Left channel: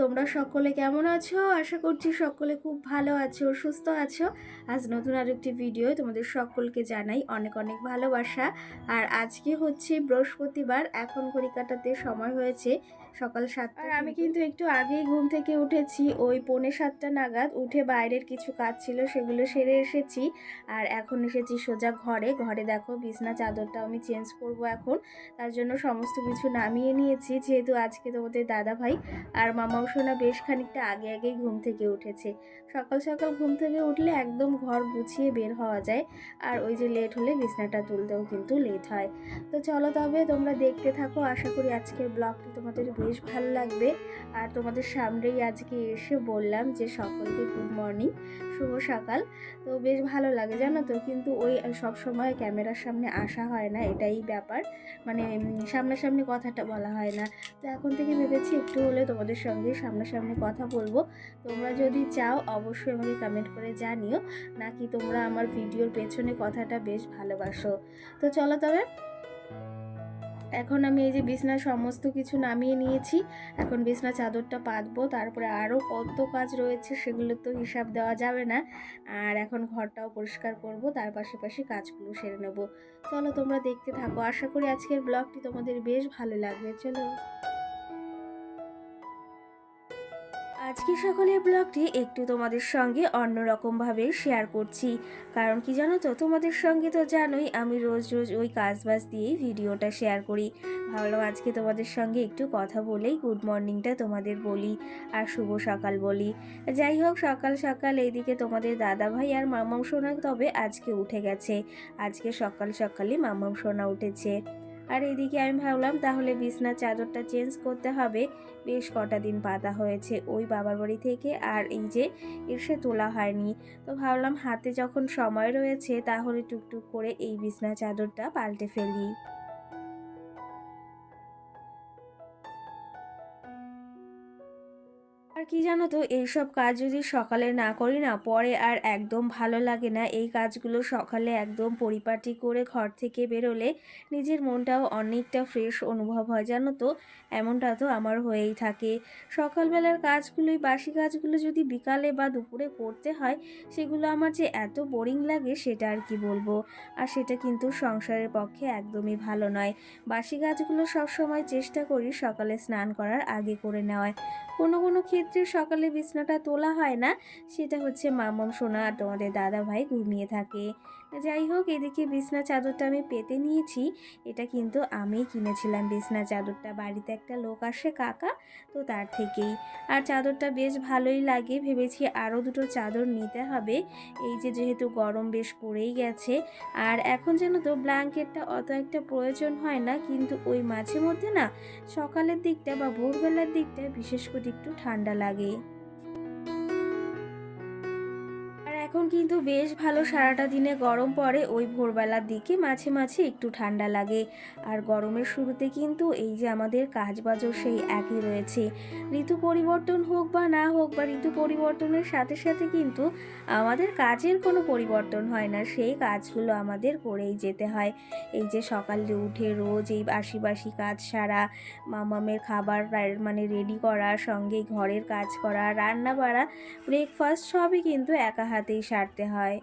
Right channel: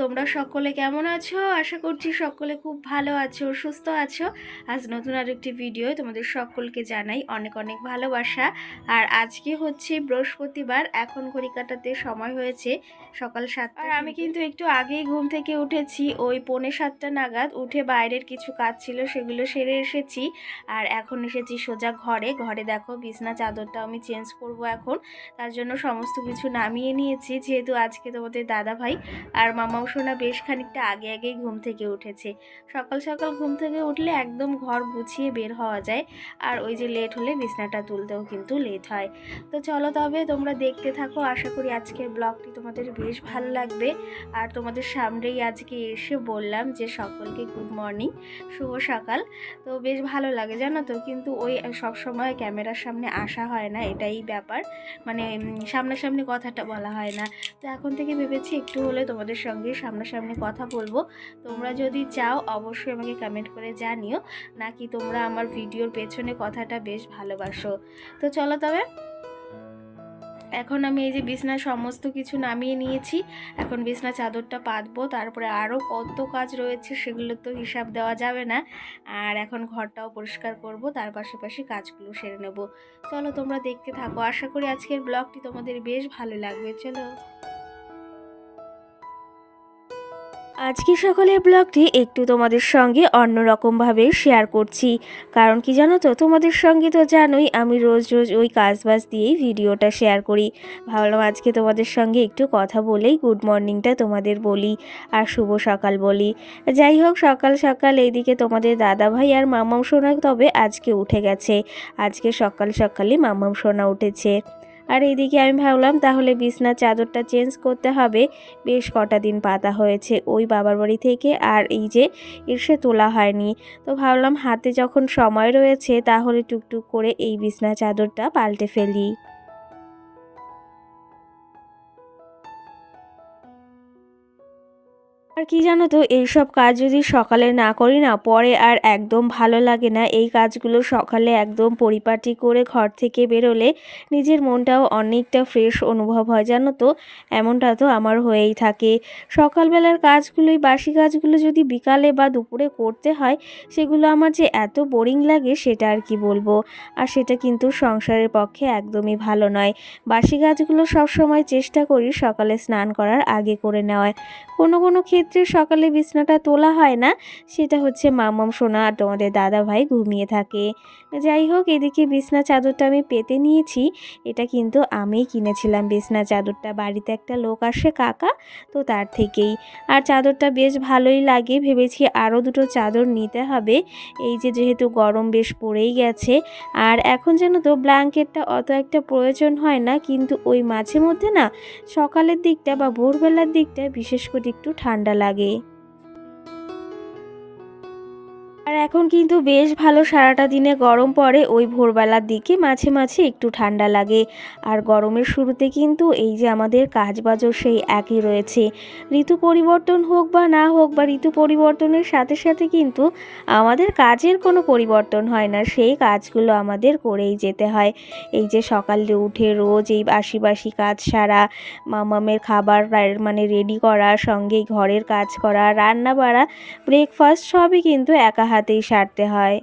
তোমরা সকলে কেমন আছো? আশা করছি সকলে খুব ভালো আছো, সুস্থ আছো। আজ নতুন আরেকটি ভিডিও তোমাদের সকলকে জানাই অনেক অনেক ভালোবাসা। আর আজকে হচ্ছে বৃহস্পতিবার, এখন ঘড়ি কাটাতে সময় হয়েছে সকাল 7টা। আর আমি কিন্তু একটু আগেই ঘুম থেকে উঠেছি, ওই 6:45 নাগাদ। উঠে বাইরের কিছু কাজ ছিল সেগুলো সেরে এসেছি। আর এখন এসেছি সোজা ঘরে দেখো বিছনা চাদরটা আমি চেঞ্জ করব এখন। তার জন্য সমস্ত কিছু নামিয়ে নিয়েছি, যেহেতু আজকে তোমাদের দাদা ভাই আর মামাও সোনা বেশ খানিকটা আগেই ঘুম থেকে উঠেছে। সকাল সকাল ঘুম থেকে উঠলে একদম ঘর গুছিয়ে বের হওয়া যায়, আর ওই যে লেট হলে বিছনাটা তুলতেও কিন্তু লেট হয়। তো চলো তবে তোমরা দেখতে থাকো, আশা করি আজকের ব্লগটি তোমাদের বেশ ভালো লাগবে। আর তোমাদের সামনেই আজকে এসে বললাম যে সকলকে গুড মর্নিং, শুভ সকাল। তো বেশ ভালো লাগে জানো তো, কিন্তু ওই সব সময় ক্যামেরার সামনে আসা হয় না, এটাই ব্যাপার। মানে সামনাসামনি কথাটা বলা হয় না। তো এখন থেকে ভেবেছি একটু হলে তোমাদের সঙ্গে সামনাসামনি কথা বলবো। তোমরা যদি চাও অবশ্যই আমাকে কমেন্ট করে জানিও, নাকি তোমরা আমার ভিডিওর পেছনে কথাটা বেশ ভালোবাসো। তো চলো তবে, এখন আমি এই যে বিছনার সমস্ত কিছু নামিয়ে নিয়েছি। এখন বিছনা চাদরটা পাতবো, তারপরে আরও কত কাজ রয়েছে সেগুলো তো হিসাব দেওয়া যাবে না। আর এখন ঘরটাও পরিষ্কার করব, তার পাশাপাশি কাজগুলো সেরে নেব। চলো তোমরা দেখতে থাকো, আশা করি আজকের ব্লগটি তোমাদের বেশ ভালো লাগবে। চলো, আজকে সকালের ব্লগটি একটু তোমাদের সঙ্গে অন্যরকমভাবে শেয়ার করছি। কারণ কি জানো তো, তোমাদের সঙ্গে তো জানোই আমি রোজ রোজ ওই কাজবাজ দিয়েই ভিডিওটা শেয়ার করি। ভাবলাম আজকে তোমাদের সঙ্গে একটু কথা বলেই গুড মর্নিংটা তোমাদের বলি আর শুভ সকাল বলি। যাই হোক, সকাল সকাল এইদিকে তোমাদের দাদাভাই আর মামাম সোনা তবে আজকে উঠে গেছে। আজকে সকাল সকালই মামাম সোনা উঠেছে। আর এইদিকে আমি ভাবলাম তাহলে বিছনার চাদরটা চেঞ্জ করতে হবে। বেশ কটা দিন পাতা হয়েছে ওই বাবার বাড়ি থেকে, আর এই যে এসে তোলা হয়নি। তো ভাবলাম হাতে যখন সময় রয়েছে তাহলে টুকটুক করে এই বিছনা চাদরটা পাল্টে ফেলি। আর কি জানো তো, এইসব কাজ যদি সকালে না করি না, পরে আর একদম ভালো লাগে না। এই কাজগুলো সকালে একদম পরিপাটি করে ঘর থেকে বেরোলে নিজের মনটাও অনেকটা ফ্রেশ অনুভব হয় জানো তো। এমনটা তো আমার হয়েই থাকে। সকালবেলার কাজগুলোই, বাসি কাজগুলো যদি বিকালে বা দুপুরে করতে হয়, সেগুলো আমার যে এত বোরিং লাগে সেটা আর কি বলবো। আর সেটা কিন্তু সংসারের পক্ষে একদমই ভালো নয়। বাসি কাজগুলো সবসময় চেষ্টা করি সকালে স্নান করার আগে করে নেওয়ার। কোনো কোনো ক্ষেত্রে সকালে বিছনাটা তোলা হয় না, সেটা হচ্ছে মাম্মাম সোনা আর তোমাদের দাদা ভাই ঘুমিয়ে থাকে। যাই হোক, এদিকে বিছনা চাদরটা আমি পেতে নিয়েছি। এটা কিন্তু আমিই কিনেছিলাম বিছনা চাদরটা, বাড়িতে একটা লোক আসে কাকা, তো তার থেকেই। আর চাদরটা বেশ ভালোই লাগে, ভেবেছি আরও দুটো চাদর নিতে হবে। এই যে যেহেতু গরম বেশ পড়েই গেছে, আর এখন যেন তো ব্ল্যাঙ্কেটটা অত একটা প্রয়োজন হয় না, কিন্তু ওই মাঝে মধ্যে না সকালের দিকটা বা ভোরবেলার দিকটা বিশেষ করে একটু ঠান্ডা লাগে। আর এখন কিন্তু বেশ ভালো সারাটা দিনে গরম পড়ে, ওই ভোরবেলার দিকে মাঝে মাঝে একটু ঠান্ডা লাগে। আর গরমের শুরুতে কিন্তু এই যে আমাদের কাজবাজও সেই একই রয়েছে। ঋতু পরিবর্তন হোক বা না হোক, বা ঋতু পরিবর্তনের সাথে সাথে কিন্তু আমাদের কাজের কোনো পরিবর্তন হয় না, সেই কাজগুলো আমাদের করেই যেতে হয়। এই যে সকালে উঠে রোজ এই বাসি বাসি কাজ সারা, মামামের খাবার মানে রেডি করা, সঙ্গেই ঘরের কাজ করা, রান্না বাড়া, ব্রেকফাস্ট সবই কিন্তু একা হাতেই সারতে হয়।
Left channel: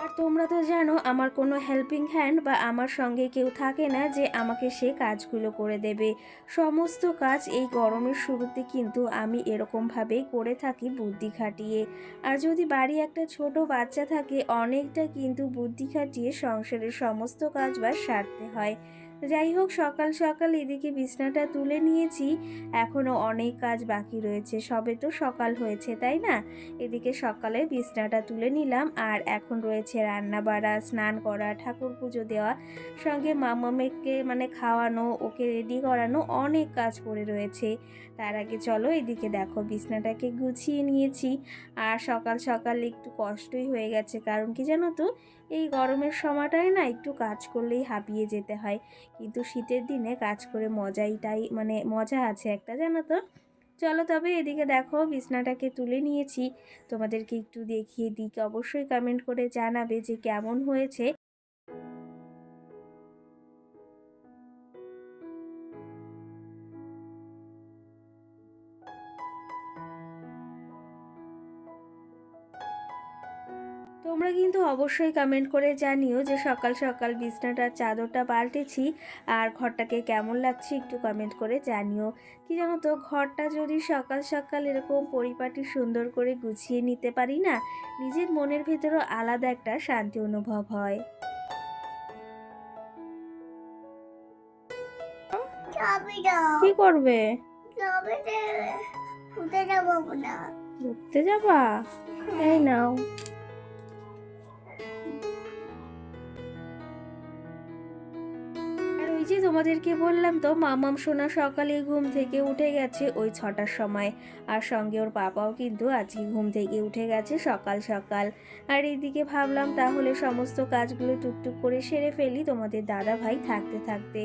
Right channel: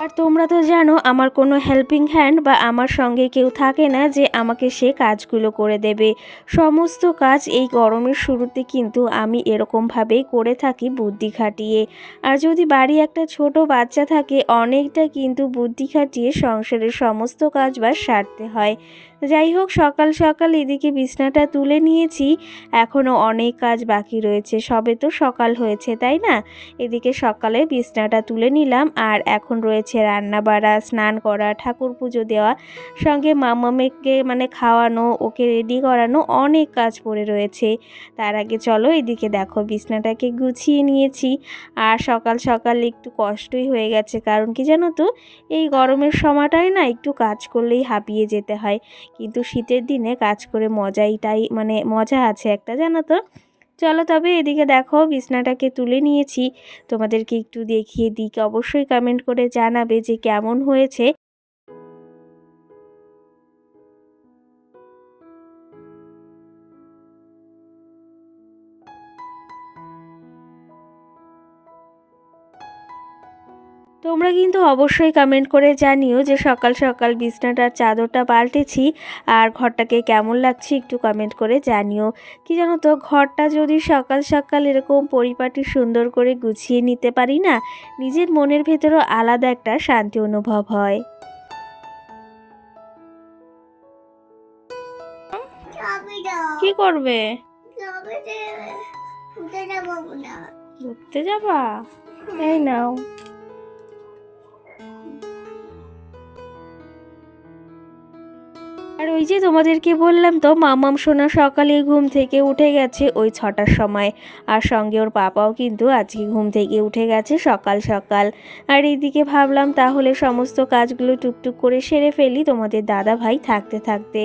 আর তোমরা তো জানো আমার কোনো হেল্পিং হ্যান্ড বা আমার সঙ্গে কেউ থাকে না যে আমাকে সে কাজগুলো করে দেবে। সমস্ত কাজ এই গরমের শুরুতে কিন্তু আমি এরকমভাবেই করে থাকি বুদ্ধি খাটিয়ে। আর যদি বাড়ি একটা ছোট বাচ্চা থাকে, অনেকটা কিন্তু বুদ্ধি খাটিয়ে সংসারের সমস্ত কাজ বা সারতে হয়। যাই হোক, সকাল সকাল এদিকে বিছনাটা তুলে নিয়েছি। এখনও অনেক কাজ বাকি রয়েছে, সবে তো সকাল হয়েছে তাই না। এদিকে সকালে বিছনাটা তুলে নিলাম, আর এখন রয়েছে রান্না বাড়া, স্নান করা, ঠাকুর পুজো দেওয়া, সঙ্গে মামামেকে মানে খাওয়ানো, ওকে রেডি করানো, অনেক কাজ পড়ে রয়েছে। তার আগে চলো এদিকে দেখো বিছনাটাকে গুছিয়ে নিয়েছি। আর সকাল সকাল একটু কষ্টই হয়ে গেছে, কারণ কি জানো তো, এই গরমের সময়টায় না একটু কাজ করলেই হাঁপিয়ে যেতে হয়। কিন্তু শীতের দিনে কাজ করে মজাইটাই মানে মজা আছে একটা জানো তো। চলো তবে এদিকে দেখো বিছনাটাকে তুলে নিয়েছি, তোমাদেরকে একটু দেখিয়ে দিই, অবশ্যই কমেন্ট করে জানাবে যে কেমন হয়েছে। তোমরা কিন্তু অবশ্যই কমেন্ট করে জানিও যে সকাল সকাল বিছনাটার চাদরটা পাল্টেছি আর ঘরটাকে কেমন লাগছে একটু কমেন্ট করে জানিও। কি জানো তো, ঘরটা যদি সকাল সকাল এরকম পরিপাটি সুন্দর করে গুছিয়ে নিতে পারি না, নিজের মনের ভেতরও আলাদা একটা শান্তি অনুভব হয়। কি করবে? ঘুরতে যাবা? এই নাও। আর ওই যে তোমাদেরকে বললাম তো, মামাম সোনা সকালে ঘুম থেকে উঠে গেছে ওই 6টার সময়। আর সঙ্গে ওর পাপাও কিন্তু আজকে ঘুম থেকে উঠে গেছে সকাল সকাল। আর এইদিকে ভাবলাম তাহলে সমস্ত কাজগুলো টুকটুক করে সেরে ফেলি তোমাদের দাদা ভাই থাকতে থাকতে।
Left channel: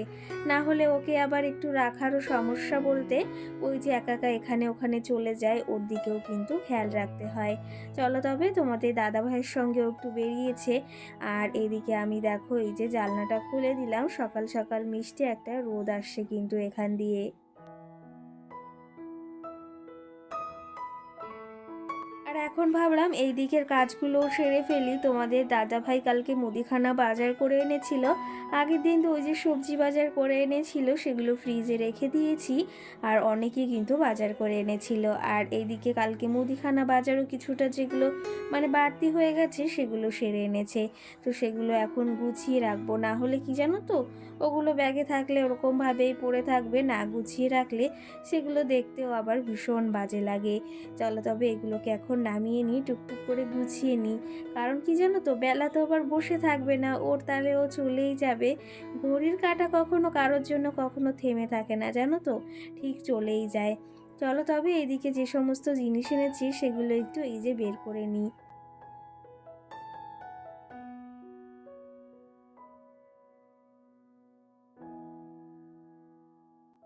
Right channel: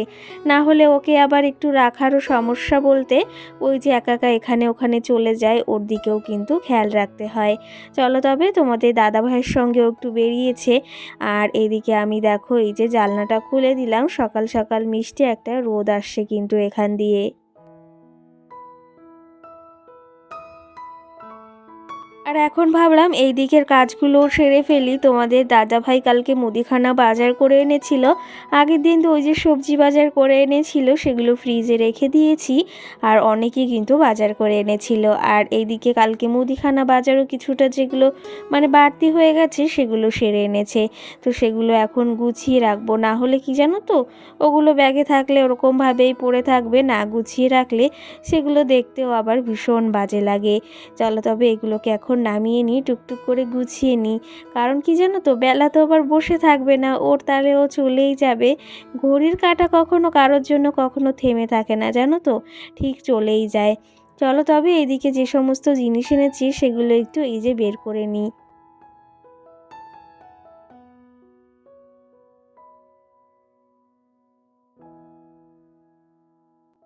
না হলে ওকে আবার একটু রাখারও সমস্যা বলতে, ওই যে একা একা এখানে ওখানে চলে যায়, ওর দিকেও কিন্তু খেয়াল রাখতে হয়। চলো তবে তোমাদের দাদা ভাইয়ের সঙ্গেও একটু বেরিয়েছে। আর এদিকে আমি দেখো এই যে জানলাটা খুলে দিলাম, সকাল সকাল মিষ্টি একটা রোদ আসছে কিন্তু এখান দিয়ে। আর এখন ভাবলাম এই দিকের কাজগুলো সেরে ফেলি। তোমাদের দাদাভাই কালকে মুদিখানা বাজার করে এনেছিল। আগের দিন তো ওই যে সবজি বাজার করে এনেছিল, সেগুলো ফ্রিজে রেখে দিয়েছি। আর অনেকেই কিন্তু বাজার করে এনেছিল। আর এইদিকে কালকে মুদিখানা বাজারও কিছুটা যেগুলো মানে বাড়তি হয়ে গেছে সেগুলো সেরে এনেছে। তো সেগুলো এখন গুছিয়ে রাখবো, না হলে কি জানো তো, ওগুলো ব্যাগে থাকলে ওরকমভাবেই পড়ে থাকবে, না গুছিয়ে রাখলে সেগুলো দেখতেও আবার ভীষণ বাজে লাগে। চলো তবে এগুলোকে এখন নামিয়ে নিই, টুকটুক করে গুছিয়ে নিই। কারণ কি জানো তো, বেলা তো আবার বসে থাকবে না, ওর তালে ও চলেই যাবে। ঘড়ির কাঁটা কখনো কারোর জন্য কখনো থেমে থাকে না জানো তো, ঠিক চলেই যায়। চলো তবে এদিকে যে সমস্ত জিনিস এনেছি সেগুলো একটু এই যে বের করে নিই।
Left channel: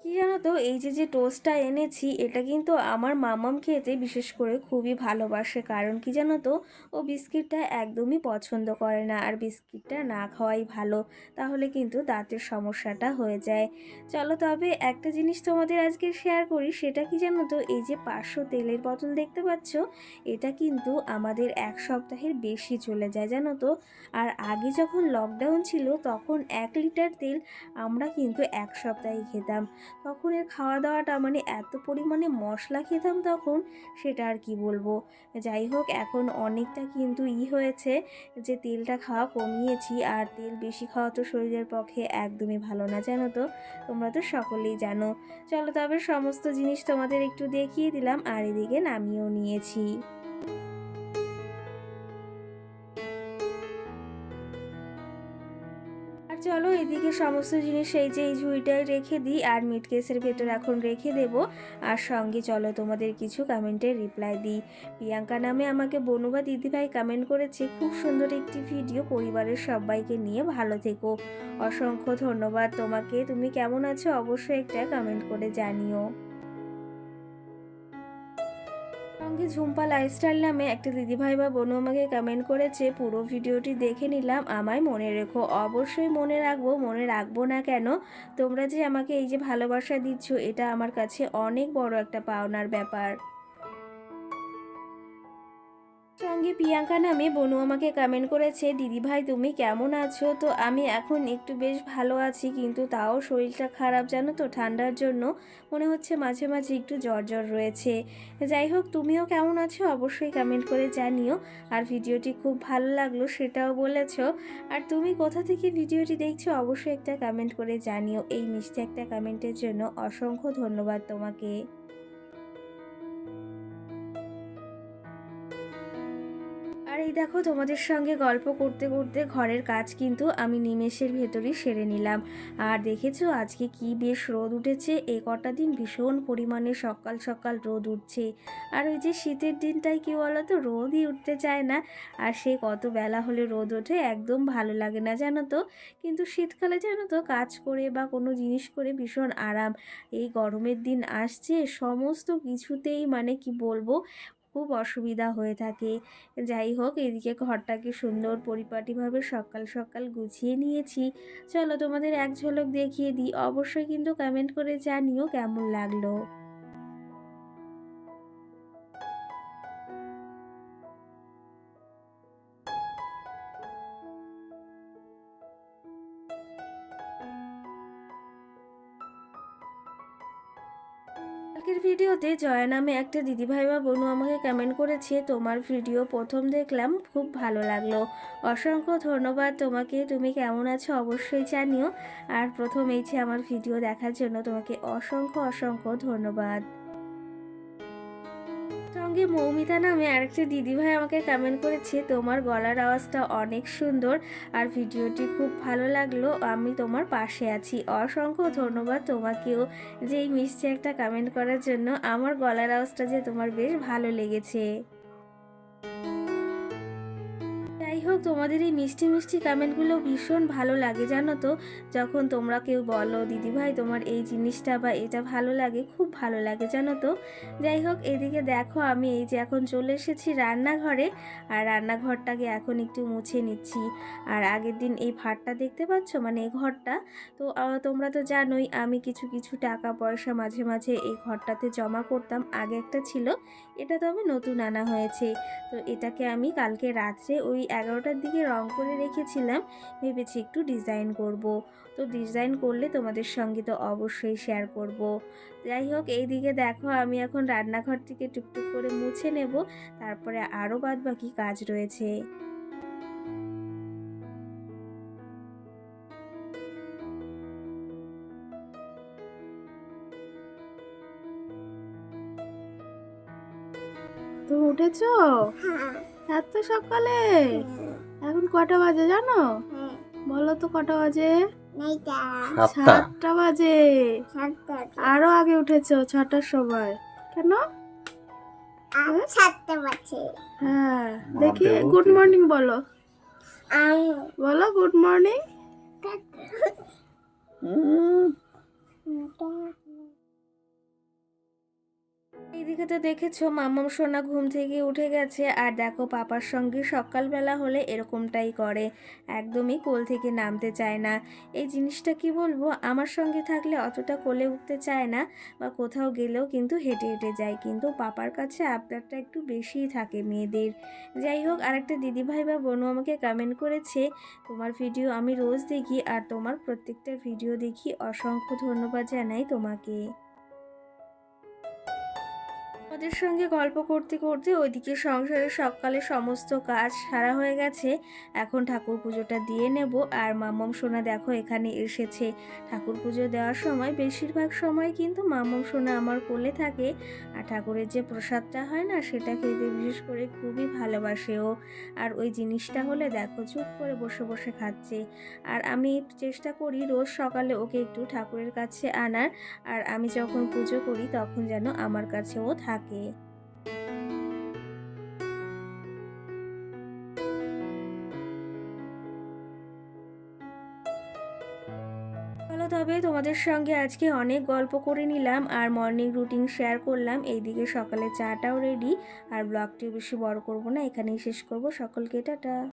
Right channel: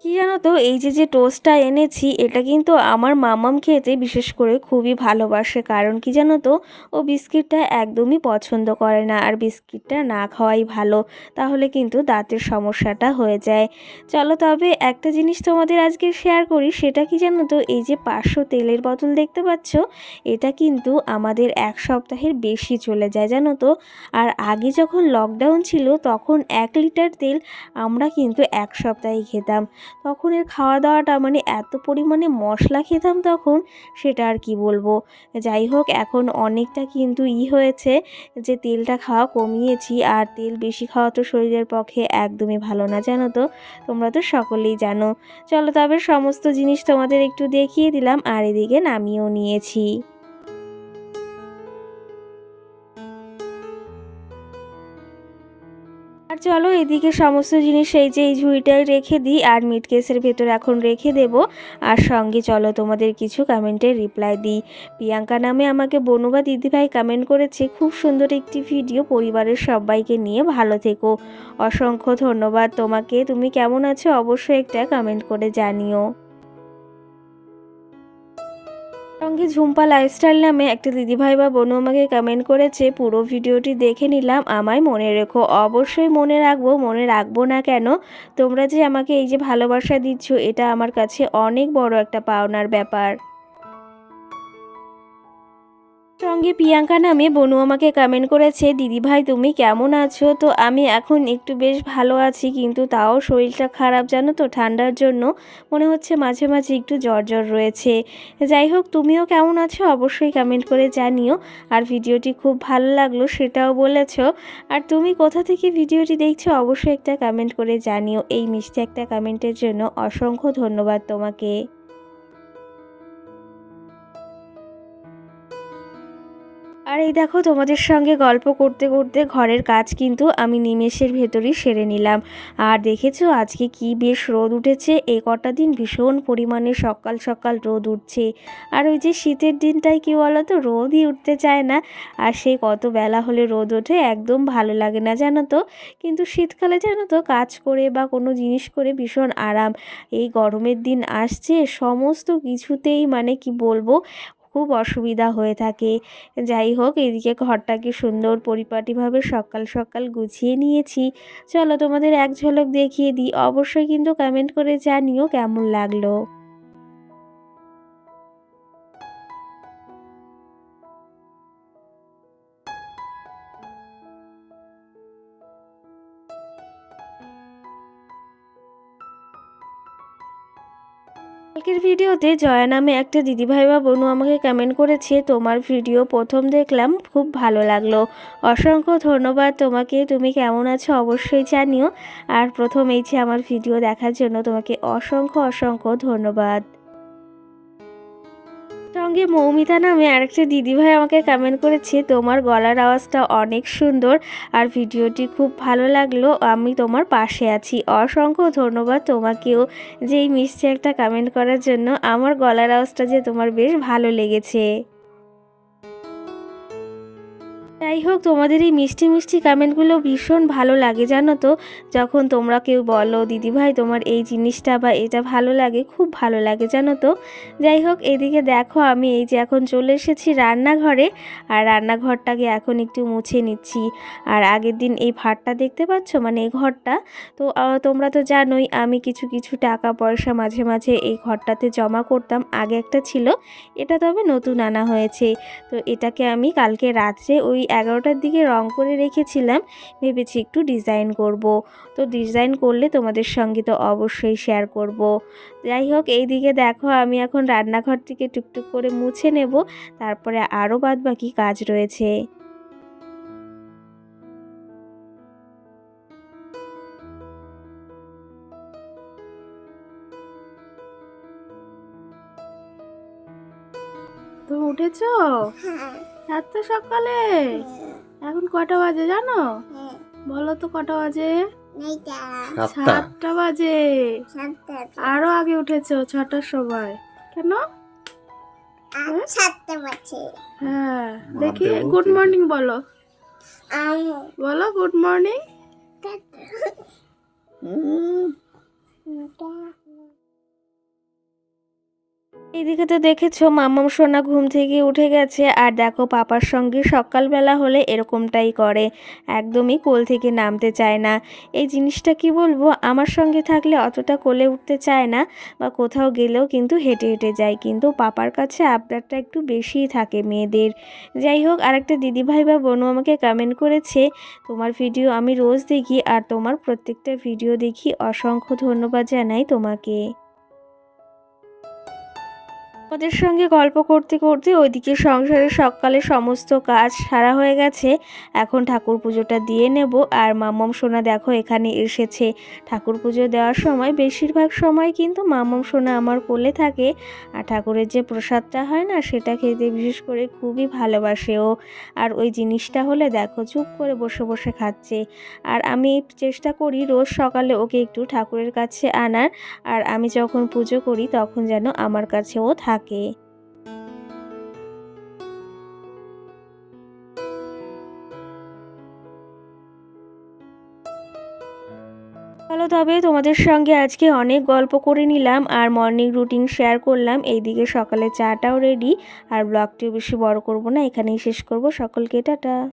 কি জানো তো, এই যে যে টোস্টটা এনেছি এটা কিন্তু আমার মামাম খেতে বিশেষ করে খুবই ভালোবাসে। কারণ কি জানো তো, ও বিস্কিটটা একদমই পছন্দ করে না, আর বিস্কিটটা না খাওয়াই ভালো, তাহলে কিন্তু দাঁতের সমস্যাটা হয়ে যায়। চলো তবে একটা জিনিস তোমাদের আজকে শেয়ার করি, সেটা কি জানো তো, এই যে 500 তেলের বোতল দেখতে পাচ্ছ, এটা কিন্তু আমাদের 1 সপ্তাহের বেশি চলে যায় জানো তো। আর আগে যখন লকডাউন ছিল তখন 1 লিটার তেল আমরা কিন্তু 1 সপ্তাহে খেতাম। তখন এর খাওয়া দাওয়াটা মানে এত পরিমাণে মশলা খেতাম তখন, সেটা আর কি বলবো। যাই হোক, এখন অনেকটা কিন্তু হয়েছে যে তেলটা খাওয়া কমিয়েছি। আর তেল বেশি খাওয়া তো শরীরের পক্ষে একদমই ভালো না জানো তো, তোমরা তো সকলেই জানো। চলো তবে সমস্ত জিনিস তোমাদের একটু দেখিয়ে দিলাম, আর এদিকে নামিয়েও নিয়েছি। আর চলো এদিকে সমস্ত জিনিস এই যে এই ঝুড়িটায় রেখে দিই, আর মিট কেসের ভেতর এখন রেখে দেব। আর সঙ্গে চলো তোমাদের কিছু কমেন্টের রিপ্লাই দিই। প্রিয়াঙ্কা নামে আমাকে বনু বা দিদিভাই কমেন্ট করেছে, খুব সুন্দর একটি ভিডিও, পরিবারের সবাইকে নিয়ে ভালো থেকো। অসংখ্য ধন্যবাদ তোমাকে। তুমি কেমন আছো অবশ্যই একটা কমেন্ট করে জানিও। সঙ্গে ঝুম্পা লাইফস্টাইল নামে একটা দিদিভাই বা বোনও আমাকে কমেন্ট করেছে, পুরো ভিডিওটি দেখে নিলাম, আমায় মনে রেখো। অবশ্যই মনে রাখবো, মনে রাখবো না কেন? তোমরা যে আমাকে এই যে ভালোবাসা দিচ্ছ, এটা আমার কাছে অনেক বড় একটা পাওনার ব্যাপার। সঙ্গে প্রিয়াঙ্কা নামে বনু আমাকে কমেন্ট করেছে, দিদিভাই তুমি কেমন আছো? তো আমি এখন একটু বেশ ভালো আছি, কিন্তু তাও শরীরটা খারাপ জানো তো, ঠান্ডার জন্য মনে হচ্ছে মাঝে মাঝে একটু জ্বর জ্বর রয়েছে। যাই হোক, তুমিও কেমন আছো অবশ্যই কমেন্ট করে জানিও। আর ভিডিওটি খুব ভালো লাগলো সেটাও বলেছো। আর তুমি কোথা থেকে ভিডিওটি দেখছো অবশ্যই একটা কমেন্ট করে জানিও। এই মিষ্টি একটা কমেন্টের জন্য অসংখ্য ধন্যবাদ তোমাকে। আর এই দেখো, তোমাদের সঙ্গে গল্প করতে করতে ঘরের কাজ কিন্তু আমি নিমেষের ভেতরই সেরে নিলাম। আর দেখেছো আজকে কি বেশ রোদ উঠেছে, এই কটা দিন ভীষণ পরিমাণে সকাল সকাল রোদ উঠছে। আর ওই যে শীতের দিনটাই কি বলো তো, রোদই উঠতে চায় না। আর সেই কত বেলা হলে রোদ ওঠে, একদম ভালো লাগে না জানো তো। কিন্তু শীতকালে জানো তো, কাজ করে বা কোনো জিনিস করে ভীষণ আরাম। এই গরমের দিন আসছে, সমস্ত কিছুতেই মানে কি বলবো, খুব অসুবিধা হয়ে থাকে। যাই হোক, এদিকে ঘরটাকে সুন্দর পরিপাটিভাবে সকাল সকাল গুছিয়ে নিয়েছি। চলো তোমাদের এক ঝলক দেখিয়ে দিই, অবশ্যই কিন্তু কমেন্ট করে জানিও কেমন লাগলো। ভিডিওতে জয়া নামে একটা দিদিভাই বা বোনু আমাকে কমেন্ট করেছে, তোমার ভিডিও প্রথম দেখলাম, খুব ভালো লাগলো। অসংখ্য ধন্যবাদ তোমাকে। তুমি কেমন আছো অবশ্যই জানিও। আর প্রথম এই যে আমার ভিডিও দেখার জন্য তোমাকে অসংখ্য অসংখ্য ধন্যবাদ। সঙ্গে মৌমিতা নামে আরেকটা দিদিভাই আমাকে কমেন্ট করেছে, তোমার গলার আওয়াজটা অনেক সুন্দর আর ভিডিওটি খুব ভালো লাগলো, আমি তোমার পাশে আছি। অসংখ্য ধন্যবাদ তোমাকেও যে এই মিষ্টি একটা কমেন্ট করার জন্য। আমার গলার আওয়াজটা যে তোমার বেশ ভালো লেগেছে। যাই হোক, তোমাদের এই মিষ্টি মিষ্টি কমেন্টগুলো ভীষণ ভালো লাগে জানো তো। যখন তোমরা কেউ বলো দিদিভাই তোমার এই জিনিসটা বা এটা ভালো লাগে, খুব ভালো লাগে জানো তো। যাই হোক, এদিকে দেখো আমি এই যে এখন চলে এসেছি রান্নাঘরে। আর রান্নাঘরটাকে এখন একটু মুছে নিচ্ছি। আর আগের দিন এই ভাতটা দেখতে পাচ্ছ, মানে এই ঘরটা, তো তোমরা তো জানোই আমি কিছু কিছু টাকা পয়সা মাঝে মাঝে এই ঘরটাতে জমা করতাম। আগে একটা ছিল, এটা তবে নতুন আনা হয়েছে। তো এটাকে আমি কালকে রাত্রে ওই 11টার দিকে রং করে রেখেছিলাম, ভেবেছি একটু ডিজাইন করব। তো ডিজাইন করলে তোমাদের সঙ্গে তো অবশ্যই শেয়ার করব। যাই হোক, এই দিকে দেখো আমি এখন রান্নাঘর থেকে টুকটুক করে মুছে নেব, তারপরে আরও বাদবাকি কাজ রয়েছে। তুমি উঠেছো? এত সকালে? এখন কটা বাজে জানো? বলো তো কটা বাজে? 7টা বাজে। আরো আগে উঠেছো 6টার সময়। কেন? 7টা বাজে। হ্যাঁ, দেখি গুড মর্নিং বলো। বলো গুড মর্নিং। এইদিকে তো দেখেছো মাম্মাম সোনা ঘুম থেকে উঠে গেছে। আর দেখো পাপার সঙ্গে সকালবেলা হলে এরকমটাই করে, একদমই কোল থেকে নামতে চায় না। এই জিনিসটা কি বলবো, আমার সঙ্গে থাকলে অতটা কোলে উঠতে চায় না, বা কোথাও গেলেও কিন্তু হেঁটে হেঁটে যায়, কিন্তু পাপার কাছে আবদারটা একটু বেশিই থাকে মেয়েদের। যাই হোক, আরেকটা দিদিভাই বা বোনু আমাকে কমেন্ট করেছে, তোমার ভিডিও আমি রোজ দেখি আর তোমার প্রত্যেকটা ভিডিও দেখি, অসংখ্য ধন্যবাদ জানাই তোমাকে। ওদের সঙ্গে গল্প করতে করতে ওইদিকে সংসারের সকালে সমস্ত কাজ সারা হয়ে গেছে। এখন ঠাকুর পুজোটা দিয়ে নেব। আর মাম্মাম সোনা দেখো এখানে এসেছে। ঠাকুর পুজো দেওয়ার সময় বেশিরভাগ সময় কিন্তু মাম্মাম সোনা আমার কোলে থাকে। আর ঠাকুরের যে প্রসাদটা হয় না, সেটা খেতে বিশেষ করে খুবই ভালোবাসে ও। আর ওই জিনিসটা হলে দেখো চুপ করে বসে বসে খাচ্ছে। আর আমি চেষ্টা করি রোজ সকালে ওকে একটু ঠাকুরের কাছে আনার। আর আমি যখন পুজো করি তখন যেন আমার কাছেও থাকে। চলো তবে, তোমাদের সঙ্গে আজকে অনেক গল্প করে নিলাম আর মর্নিং রুটিন শেয়ার করলাম। এইদিকে সকালে চাটাও রেডি। আর ব্লগটিও বেশি বড় করব না, এখানেই শেষ করব। সকলকে টাটা।